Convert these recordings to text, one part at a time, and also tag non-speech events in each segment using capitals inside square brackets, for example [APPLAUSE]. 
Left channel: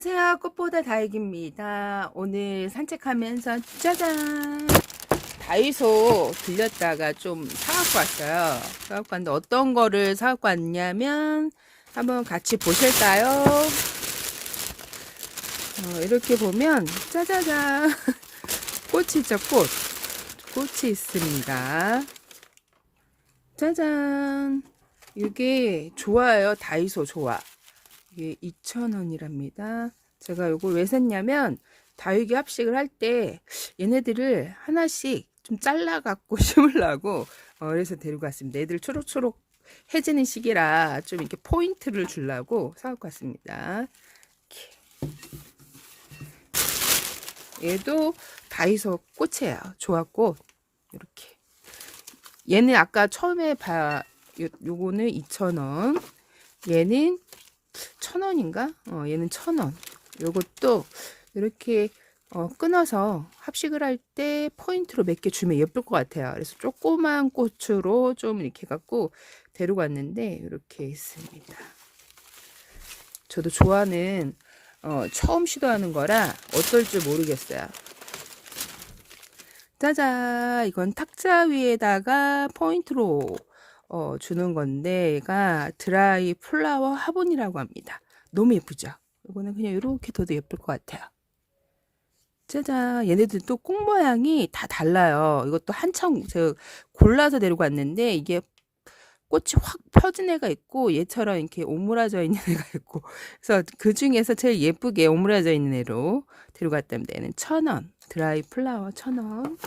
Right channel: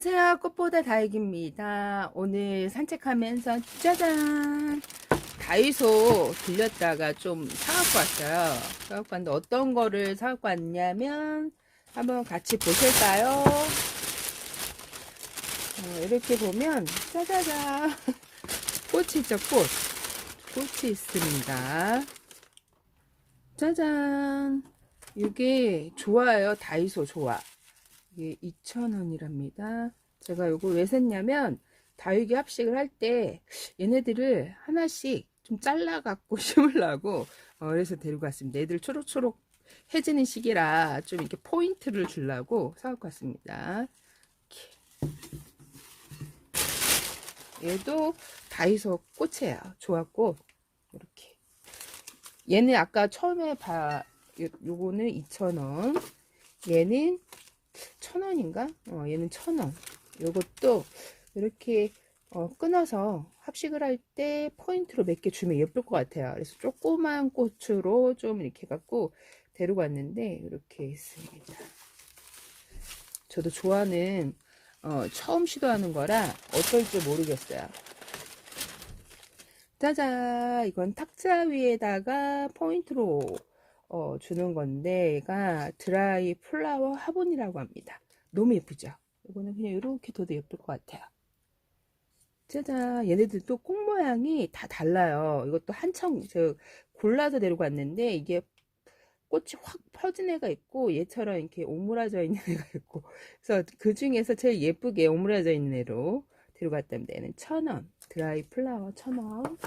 안녕하세요. 꽃보다 다육입니다. 오늘 산책하면서 짜잔! 다이소 들렸다가 좀 사갖고 왔어요. 사갖고 왔는데 어떤 거를 사갖고 왔냐면 한번 같이 보실까요? 어, 이렇게 보면 짜자잔! [LAUGHS] 꽃이 있죠, 꽃. 꽃이 있습니다. 짜잔! 이게 좋아요. 다이소 좋아. 이게 2,000원이랍니다. 제가 이걸 왜 샀냐면 다육이 합식을 할 때 얘네들을 하나씩 좀 잘라갖고 [LAUGHS] 심으려고 어, 그래서 데리고 왔습니다. 애들 초록초록 해지는 시기라 좀 이렇게 포인트를 주려고 사갖고 왔습니다. 얘도 다이소 꽃이에요. 조합꽃 이렇게. 얘는 아까 처음에 봐 요, 요거는 2,000원. 얘는 천 원인가? 어, 얘는 천 원. 요것도 이렇게 어, 끊어서 합식을 할 때 포인트로 몇 개 주면 예쁠 것 같아요. 그래서 조그만 꽃으로 좀 이렇게 갖고 데리고 왔는데 이렇게 있습니다. 저도 좋아하는 어, 처음 시도하는 거라 어떨지 모르겠어요. 짜잔! 이건 탁자 위에다가 포인트로 어, 주는 건데 얘가 드라이 플라워 화분이라고 합니다. 너무 예쁘죠? 이거는 그냥 이렇게 둬도 예쁠 것 같아요. 짜잔 얘네들 또 꽃 모양이 다 달라요. 이것도 한참 저 골라서 데리고 왔는데 이게 꽃이 확 펴진 애가 있고 얘처럼 이렇게 오므라져 있는 애가 있고 그래서 그 중에서 제일 예쁘게 오므라져 있는 애로 데리고 왔답니다. 얘는 천 원. 드라이 플라워 천 원.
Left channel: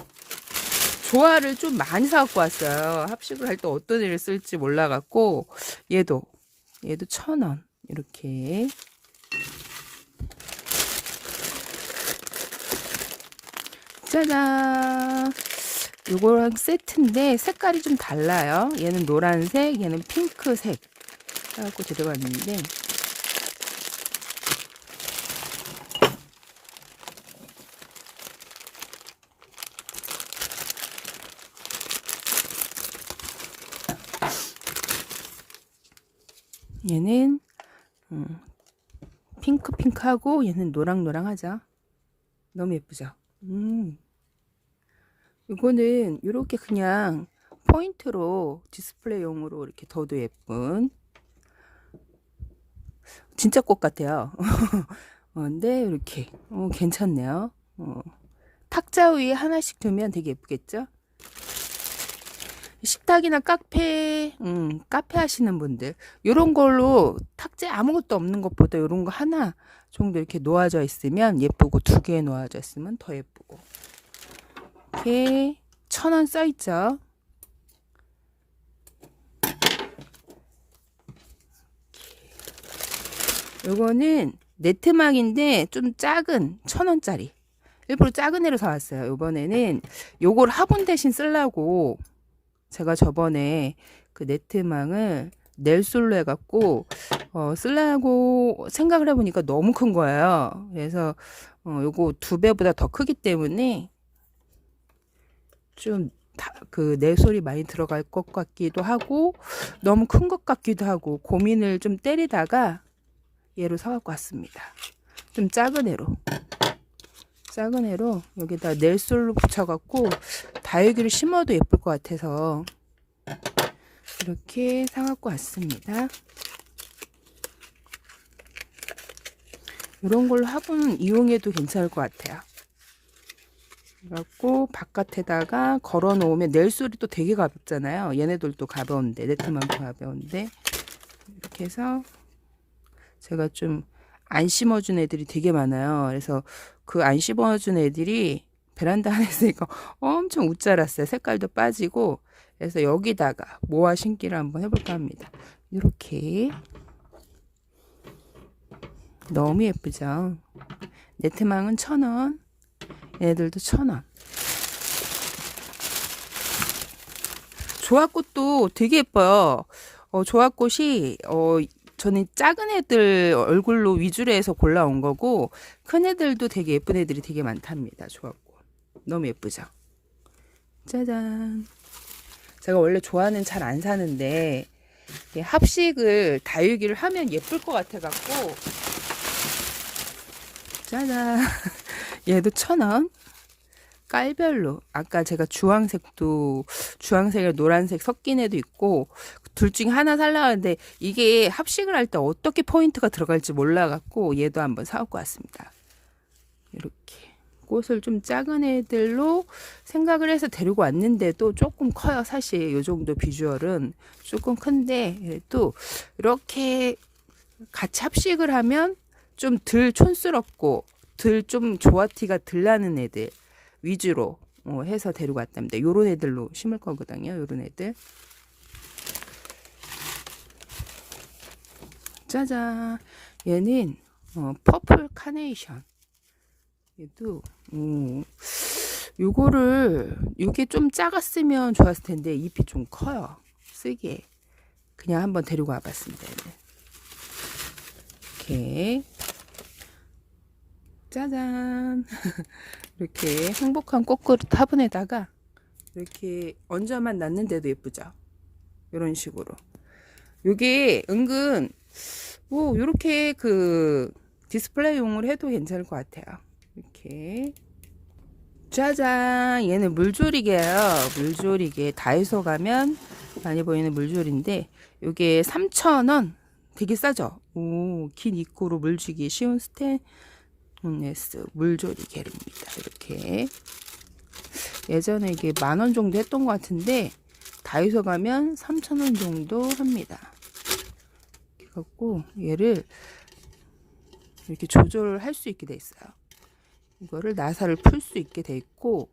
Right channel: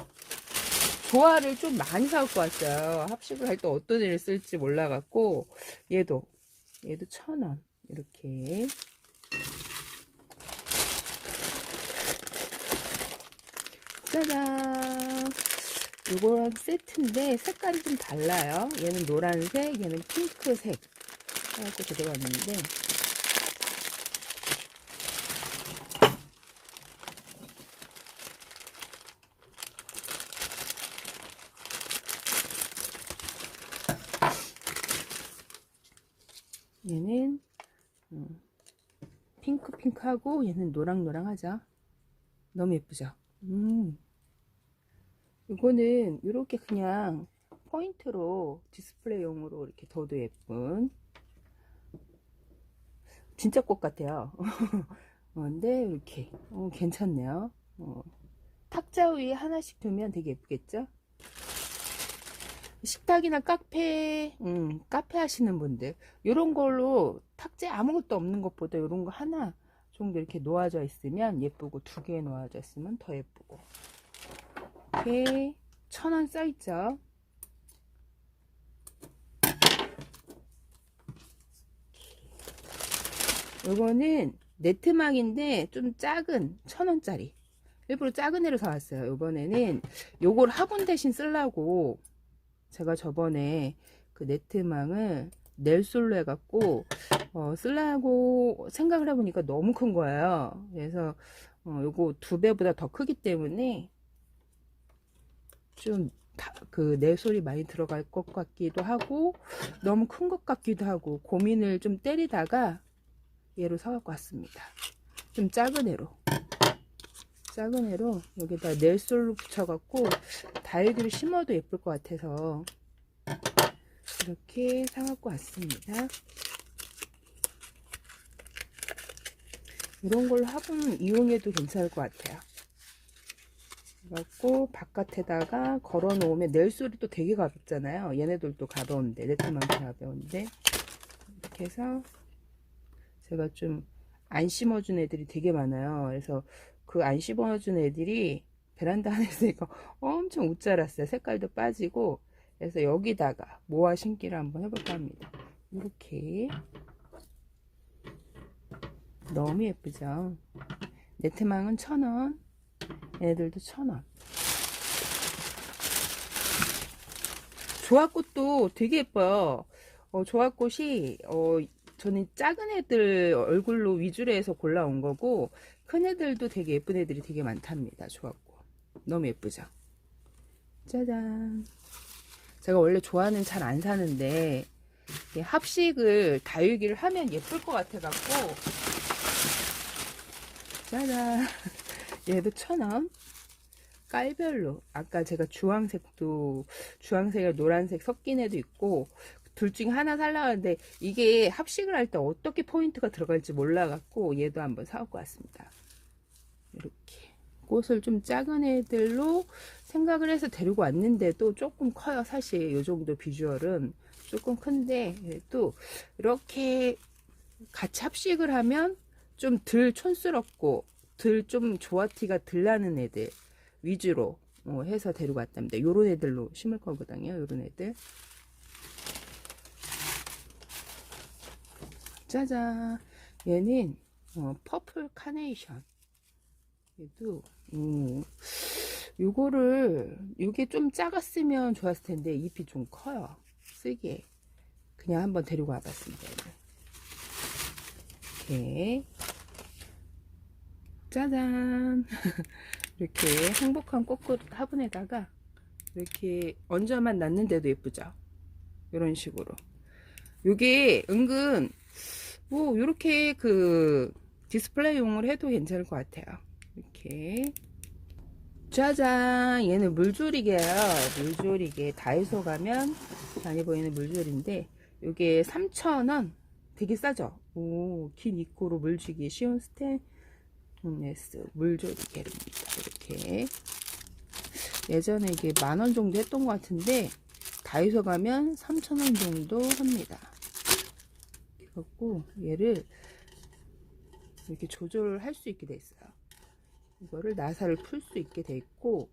조화를 좀 많이 사갖고 왔어요. 합식을 할 때 어떤 애를 쓸지 몰라갖고 얘도 얘도 천 원 이렇게 짜잔 요거랑 세트인데 색깔이 좀 달라요. 얘는 노란색, 얘는 핑크색 해갖고 들어갔는데 얘는 음, 핑크핑크하고 얘는 노랑노랑하죠. 너무 예쁘죠? 음. 이거는 이렇게 그냥 포인트로 디스플레이용으로 이렇게 둬도 예쁜 진짜 꽃 같아요. [LAUGHS] 어, 근데 이렇게 어, 괜찮네요. 어. 탁자 위에 하나씩 두면 되게 예쁘겠죠? 식탁이나 카페, 음, 카페 하시는 분들, 요런 걸로 탁자에 아무것도 없는 것보다 요런 거 하나 정도 이렇게 놓아져 있으면 예쁘고 두 개 놓아져 있으면 더 예쁘고. 이렇게 천 원 써있죠. 요거는 네트막인데 좀 작은 천 원짜리. 일부러 작은 애로 사왔어요. 요번에는 요걸 화분 대신 쓰려고 제가 저번에 그 네트망을 넬솔로 해갖고 어, 쓰려고 생각을 해보니까 너무 큰 거예요. 그래서 어, 요거 두 배보다 더 크기 때문에 좀 그 넬솔이 많이 들어갈 것 같기도 하고 너무 큰 것 같기도 하고 고민을 좀 때리다가 얘로 사갖고 왔습니다. 좀 작은 애로. 작은 애로 여기다 넬솔로 붙여갖고 다육이를 심어도 예쁠 것 같아서 이렇게 사갖고 왔습니다. 이런 걸로 화분 이용해도 괜찮을 것 같아요. 그래갖고 바깥에다가 걸어 놓으면 넬솔이 또 되게 가볍잖아요. 얘네들도 가벼운데 네트만큼 가벼운데 이렇게 해서 제가 좀 안 심어준 애들이 되게 많아요. 그래서 그안 심어준 애들이 베란다 안에 있으니까 엄청 웃자랐어요. 색깔도 빠지고 그래서 여기다가 모아 심기를 한번 해볼까 합니다. 이렇게 너무 예쁘죠? 네트망은 천원 얘네들도 천원 조합꽃도 되게 예뻐요. 어, 조합꽃이 어, 저는 작은 애들 얼굴로 위주로 해서 골라온 거고 큰 애들도 되게 예쁜 애들이 되게 많답니다. 좋았고 너무 예쁘죠. 짜잔. 제가 원래 좋아하는 잘 안 사는데 합식을 다육이를 하면 예쁠 것 같아 갖고 짜잔. [LAUGHS] 얘도 천 원. 깔별로 아까 제가 주황색도 주황색에 노란색 섞인 애도 있고 둘 중에 하나 살라 하는데 이게 합식을 할 때 어떻게 포인트가 들어갈지 몰라갖고 얘도 한번 사갖고 왔습니다. 이렇게 꽃을 좀 작은 애들로 생각을 해서 데리고 왔는데도 조금 커요. 사실 이 정도 비주얼은 조금 큰데 또 이렇게 같이 합식을 하면 좀 덜 촌스럽고 덜 좀 조화티가 덜 나는 애들 위주로 어, 해서 데리고 왔답니다. 요런 애들로 심을 거거든요. 요런 애들. 짜잔. 얘는 어, 퍼플 카네이션. 얘도 음, 요거를 요게 좀 작았으면 좋았을 텐데 잎이 좀 커요. 쓰기에. 그냥 한번 데리고 와봤습니다. 이렇게 짜잔 [LAUGHS] 이렇게 행복한 꽃그릇 화분에다가 이렇게 얹어만 놨는데도 예쁘죠 이런 식으로 요게 은근 뭐 요렇게 그 디스플레이용으로 해도 괜찮을 것 같아요 이렇게. 짜잔. 얘는 물조리개예요. 물조리개. 다이소 가면 많이 보이는 물조리인데 요게 3,000원. 되게 싸죠? 오, 긴 입구로 물 주기 쉬운 스테인레스. 물조리 게르입니다. 이렇게. 예전에 이게 만원 정도 했던 것 같은데 다이소 가면 3,000원 정도 합니다. 그래갖고 얘를 이렇게 조절을 할수 있게 돼 있어요. 이거를 나사를 풀 수 있게 돼 있고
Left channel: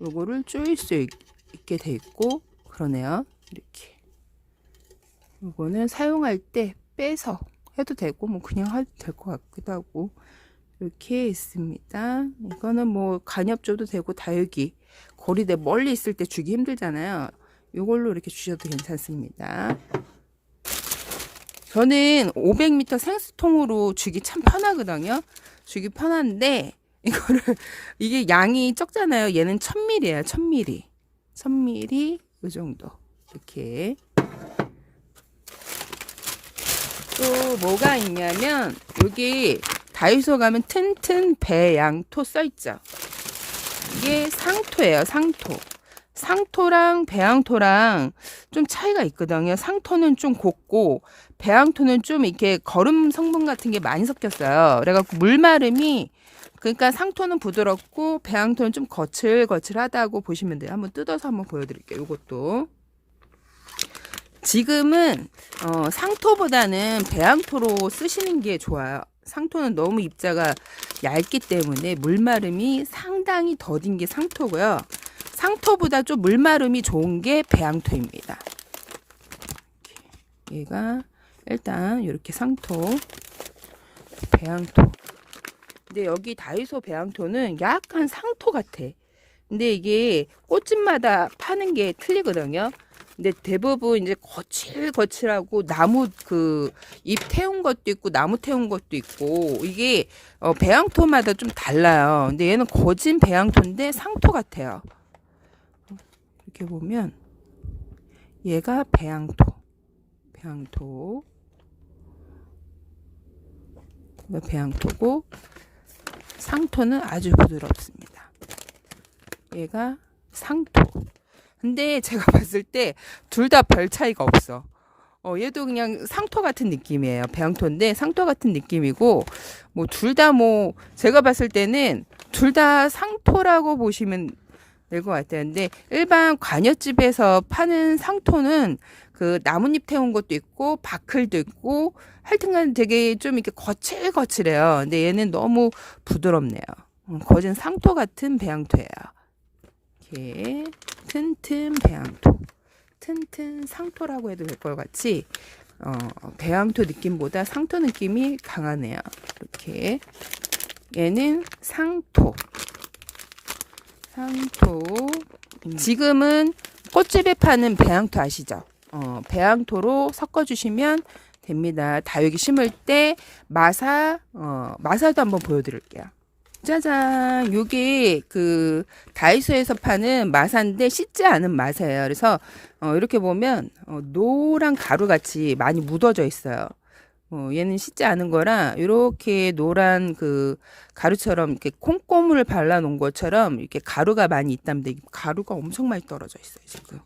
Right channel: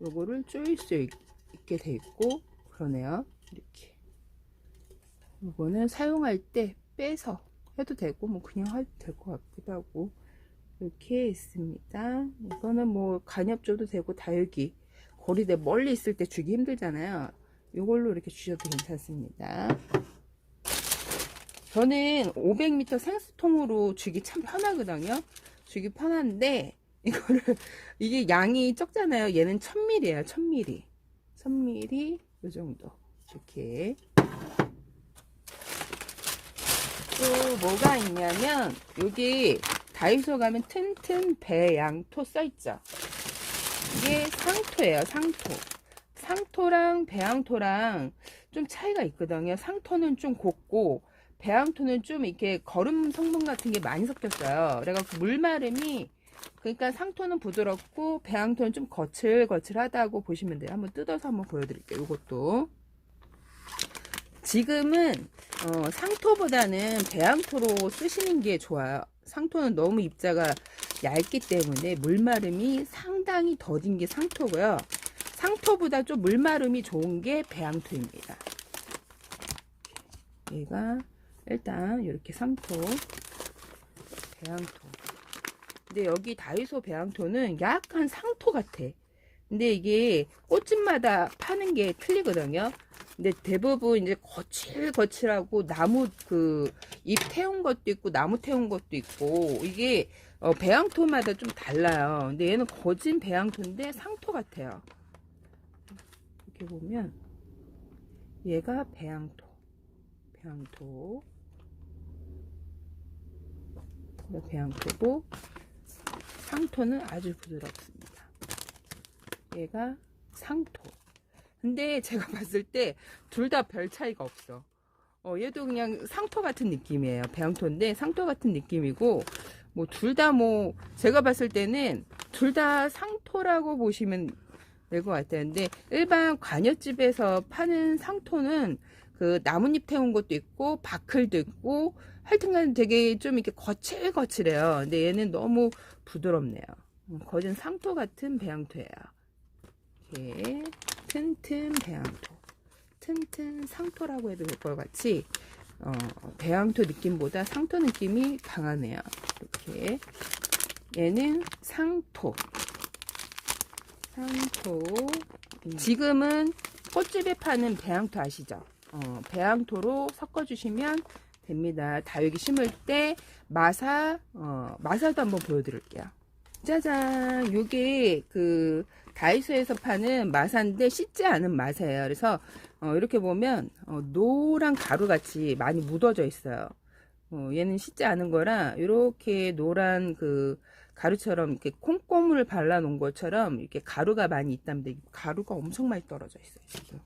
요거를 조일 수 있, 있게 돼 있고 그러네요. 이렇게 요거는 사용할 때 빼서 해도 되고 뭐 그냥 해도 될 것 같기도 하고 이렇게 있습니다. 이거는 뭐 간엽줘도 되고 다육이 고리대 멀리 있을 때 주기 힘들잖아요. 이걸로 이렇게 주셔도 괜찮습니다. 저는 500m 생수통으로 주기 참 편하거든요. 주기 편한데 이거를 [LAUGHS] 이게 양이 적잖아요. 얘는 1000ml예요. 1000ml. 1000ml 이 정도. 이렇게 또 뭐가 있냐면 여기 다이소 가면 튼튼 배 양토 써 있죠. 이게 상토예요. 상토. 상토랑 배양토랑 좀 차이가 있거든요. 상토는 좀 곱고 배양토는 좀 이렇게 거름 성분 같은 게 많이 섞였어요. 그래갖고 물마름이 그러니까 상토는 부드럽고 배양토는 좀 거칠거칠하다고 보시면 돼요. 한번 뜯어서 한번 보여드릴게요. 이것도 지금은 어, 상토보다는 배양토로 쓰시는 게 좋아요. 상토는 너무 입자가 얇기 때문에 물마름이 상당히 더딘 게 상토고요. 상토보다 좀 물마름이 좋은 게 배양토입니다. 얘가 일단 이렇게 상토, 배양토. 근데 여기 다이소 배양토는 약간 상토 같아. 근데 이게 꽃집마다 파는 게 틀리거든요. 근데 대부분 이제 거칠거칠하고 나무 그 잎 태운 것도 있고 나무 태운 것도 있고 이게 어 배양토마다 좀 달라요. 근데 얘는 거진 배양토인데 상토 같아요. 이렇게 보면 얘가 배양토, 배양토, 배양토고 상토는 아주 부드럽습니다. 얘가 상토. 근데 제가 [LAUGHS] 봤을 때 둘 다 별 차이가 없어. 어, 얘도 그냥 상토 같은 느낌이에요. 배양토인데 상토 같은 느낌이고, 뭐, 둘 다 뭐, 제가 봤을 때는 둘 다 상토라고 보시면 될것 같아요. 근데 일반 관여집에서 파는 상토는 그 나뭇잎 태운 것도 있고, 바클도 있고, 하여튼간 되게 좀 이렇게 거칠거칠해요. 근데 얘는 너무 부드럽네요. 음, 거진 상토 같은 배양토예요. 이렇게 튼튼 배양토, 튼튼 상토라고 해도 될것 같이 어, 배양토 느낌보다 상토 느낌이 강하네요. 이렇게 얘는 상토, 상토. 지금은 꽃집에 파는 배양토 아시죠? 어, 배양토로 섞어주시면 됩니다. 다육이 심을 때 마사, 어, 마사도 한번 보여드릴게요. 짜잔, 요게 그 다이소에서 파는 마사인데 씻지 않은 마사예요. 그래서 어, 이렇게 보면 어, 노란 가루 같이 많이 묻어져 있어요. 어, 얘는 씻지 않은 거라 이렇게 노란 그 가루처럼 이렇게 콩고물을 발라 놓은 것처럼 이렇게 가루가 많이 있답니다. 이 가루가 엄청 많이 떨어져 있어요, 지금.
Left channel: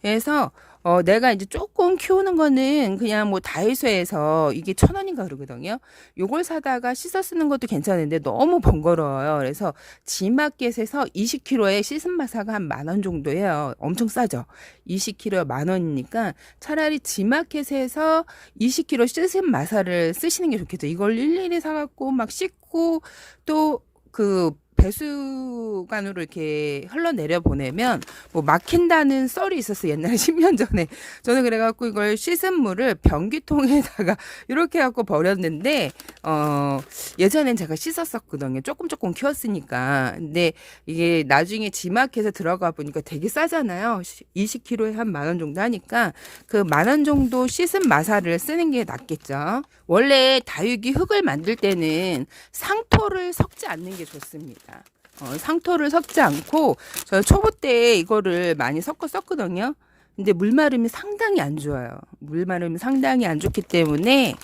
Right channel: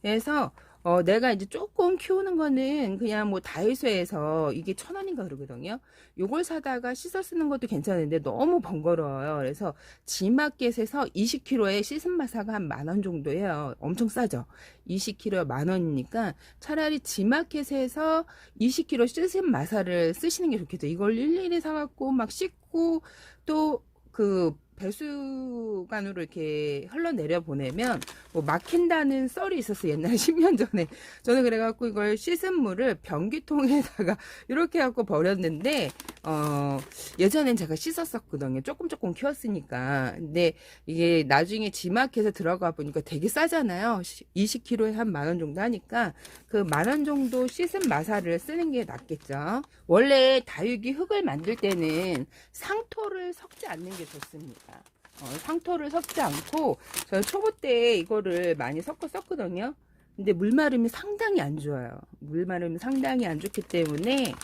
그래서 어, 내가 이제 조금 키우는 거는 그냥 뭐 다이소에서 이게 천 원인가 그러거든요. 요걸 사다가 씻어 쓰는 것도 괜찮은데 너무 번거로워요. 그래서 지마켓에서 20kg에 씻은 마사가 한 만 원 정도 해요. 엄청 싸죠. 20kg 만 원이니까 차라리 지마켓에서 20kg 씻은 마사를 쓰시는 게 좋겠죠. 이걸 일일이 사갖고 막 씻고 또그 배수관으로 이렇게 흘러내려 보내면 뭐 막힌다는 썰이 있었어요. 옛날에 [LAUGHS] 10년 전에. 저는 그래갖고 이걸 씻은 물을 변기통에다가 [LAUGHS] 이렇게 갖고 버렸는데, 어, 예전엔 제가 씻었었거든요. 조금 조금 키웠으니까. 근데 이게 나중에 지마켓에 들어가 보니까 되게 싸잖아요. 20kg에 한 만 원 정도 하니까 그 만 원 정도 씻은 마사를 쓰는 게 낫겠죠. 원래 다육이 흙을 만들 때는 상토를 섞지 않는 게 좋습니다. 어, 상토를 섞지 않고 저 초보 때 이거를 많이 섞어 썼거든요. 근데 물 마름이 상당히 안 좋아요. 물 마름이 상당히 안 좋기 때문에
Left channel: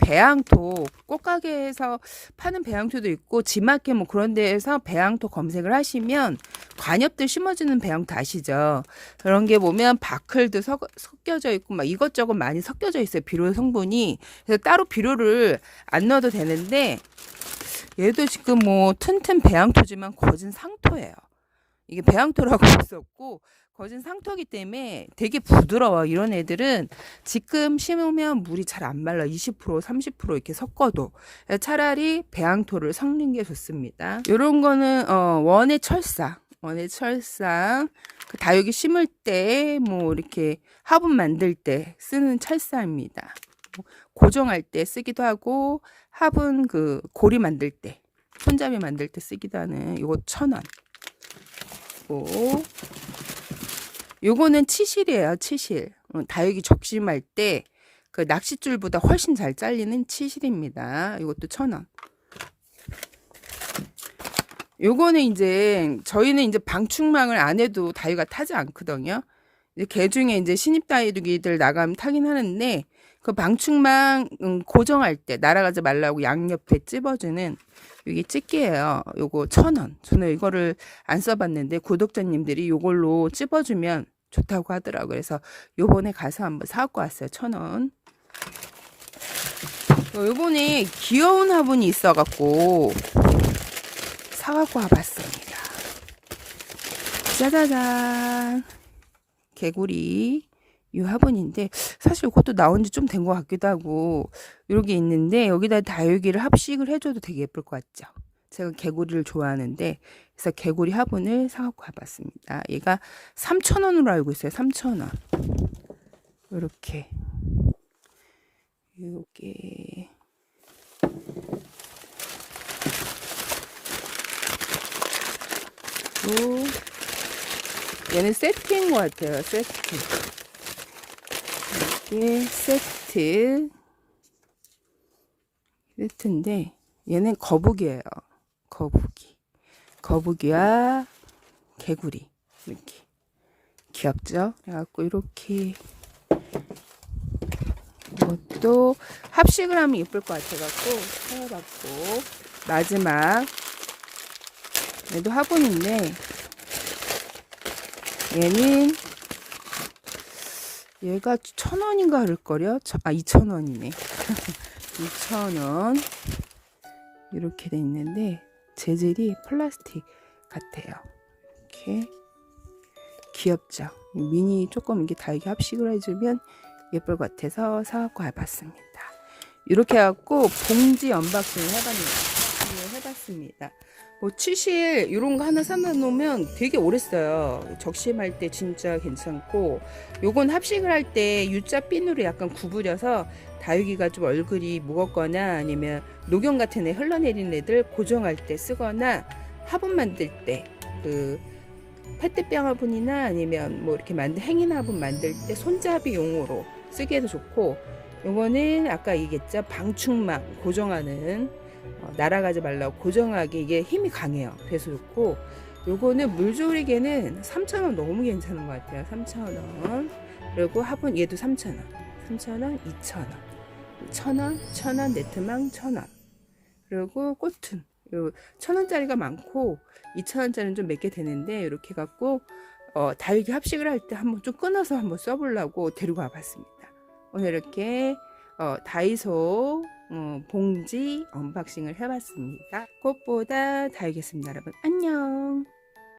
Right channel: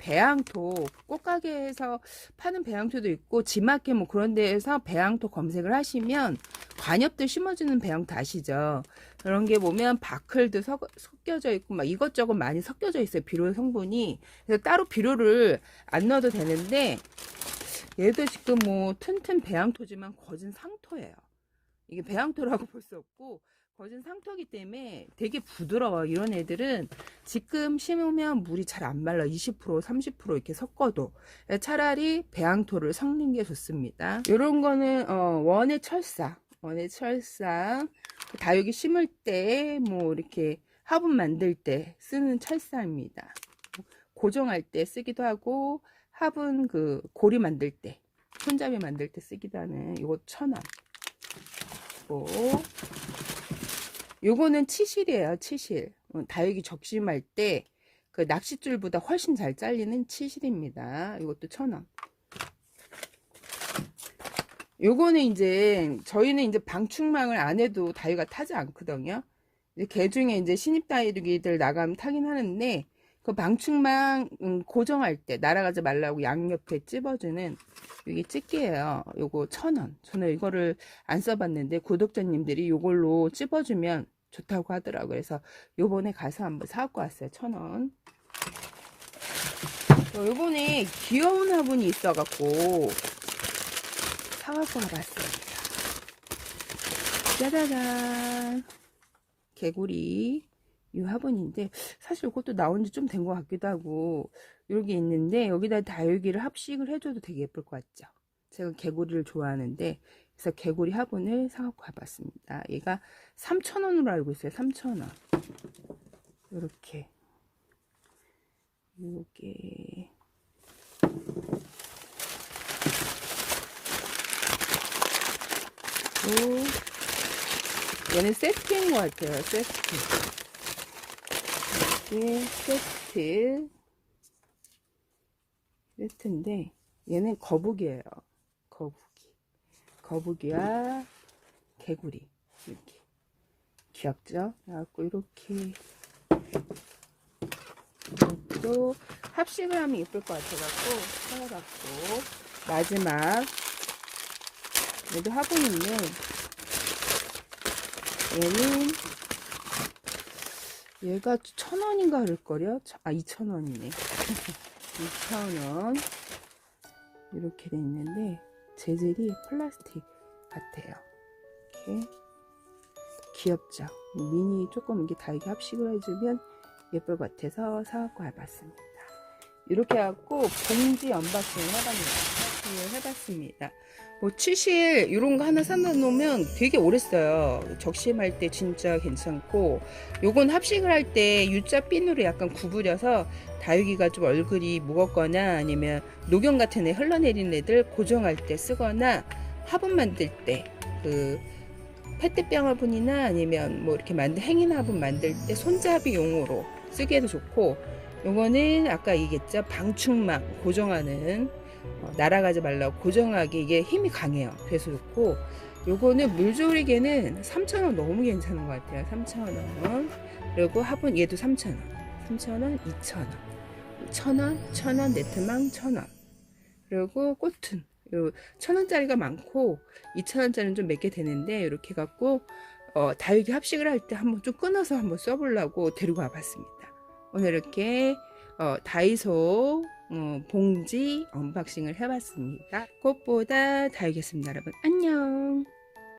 배양토 꽃가게에서 파는 배양토도 있고 지마켓 뭐 그런 데에서 배양토 검색을 하시면 관엽들 심어주는 배양토 아시죠? 그런 게 보면 바클도 섞, 섞여져 있고 막 이것저것 많이 섞여져 있어요. 비료 성분이 그래서 따로 비료를 안 넣어도 되는데 얘도 지금 뭐 튼튼 배양토지만 거진 상토예요. 이게 배양토라고 할 수 없고 거진 상토기 때문에 되게 부드러워. 이런 애들은 지금 심으면 물이 잘 안 말라. 20% 30% 이렇게 섞어도 차라리 배양토를 섞는 게 좋습니다. 이런 거는 어, 원의 철사, 원의 철사. 그 다육이 심을 때 뭐 이렇게 화분 만들 때 쓰는 철사입니다. 고정할 때 쓰기도 하고 화분 그 고리 만들 때 손잡이 만들 때 쓰기도 하는 이거 천 원. 고 요거는 치실이에요, 치실. 어, 다육이 적심할 때 그 낚싯줄보다 훨씬 잘 잘리는 치실입니다. 이것도 천 원. 요거는 이제 저희는 이제 방충망을 안 해도 다육이가 타지 않거든요. 이제 개 중에 이제 신입 다육이들 나가면 타긴 하는데 그 방충망 음, 고정할 때 날아가지 말라고 양옆에 찝어주는 이게 집게예요. 요거 천 원. 저는 이거를 안 써봤는데 구독자님들이 요걸로 찝어주면 좋다고 하더라고요. 그래서 요번에 가서 한번 사갖고 왔어요. 천 원. 어, 요번에 귀여운 화분이 있어갖고 사갖고 와봤습니다. 짜자잔. 개구리. 이 화분인데 사실 이것도 나온 지 좀 된 것 같기도 하고 이렇게 있는데 여기다 다육이를 합식을 해줘도 되게 예쁠 것 같죠. 제가 개구리를 좋아하는데 그래서 개구리 화분을 사갖고 와봤습니다. 얘가 3,000원으로 알고 있어요. 3,000원. 이렇게 요게 오, 얘는 세트인 것 같아요. 세트. 이게 세트. 세트인데 얘는 거북이에요. 거북이. 거북이와 개구리 이렇게 귀엽죠? 그래갖고 이렇게 이것도 합식을 하면 예쁠 것 같아갖고 해갖고 마지막 얘도 화분인데 얘는 얘가 천 원인가 그럴걸요? 아 이천 원이네. [LAUGHS] 이천 원 이렇게 돼 있는데 재질이 플라스틱 같아요. 이렇게 귀엽죠. 미니 조금 이게 달게 합식을 해주면 예쁠 것 같아서 사갖고 와봤습니다. 이렇게 해갖고 봉지 언박싱을 해봤습니 다. 언박싱을 해봤습니다. 뭐 치실 이런 거 하나 사놓으면 놓으면 되게 오래 써요. 적심할 때 진짜 괜찮고 요건 합식을 할 때 U자 핀으로 약간 구부려서 다육이가 좀 얼굴이 무겁거나 아니면 녹용 같은 애 흘러내린 애들 고정할 때 쓰거나 화분 만들 때그 페트병 화분이나 아니면 뭐 이렇게 만든 행인 화분 만들 때 손잡이 용으로 쓰기에도 좋고 요거는 아까 얘기했죠 방충망 고정하는 어, 날아가지 말라고 고정하기 이게 힘이 강해요. 그래서 좋고 요거는 물조리개는 3,000원 너무 괜찮은 것 같아요. 3,000원. 그리고 화분 얘도 3,000원. 3,000원 2,000원. 천원, 천원, 네트망 천원. 그리고 꽃은. 요 천원짜리가 많고 이천원짜리는 좀 몇 개 되는데 이렇게 갖고 어, 다육이 합식을 할 때 한번 좀 끊어서 한번 써보려고 데리고 와봤습니다. 오늘 이렇게 어, 다이소 어, 봉지 언박싱을 해봤습니다. 꽃보다 다육이었습니다, 여러분. 안녕.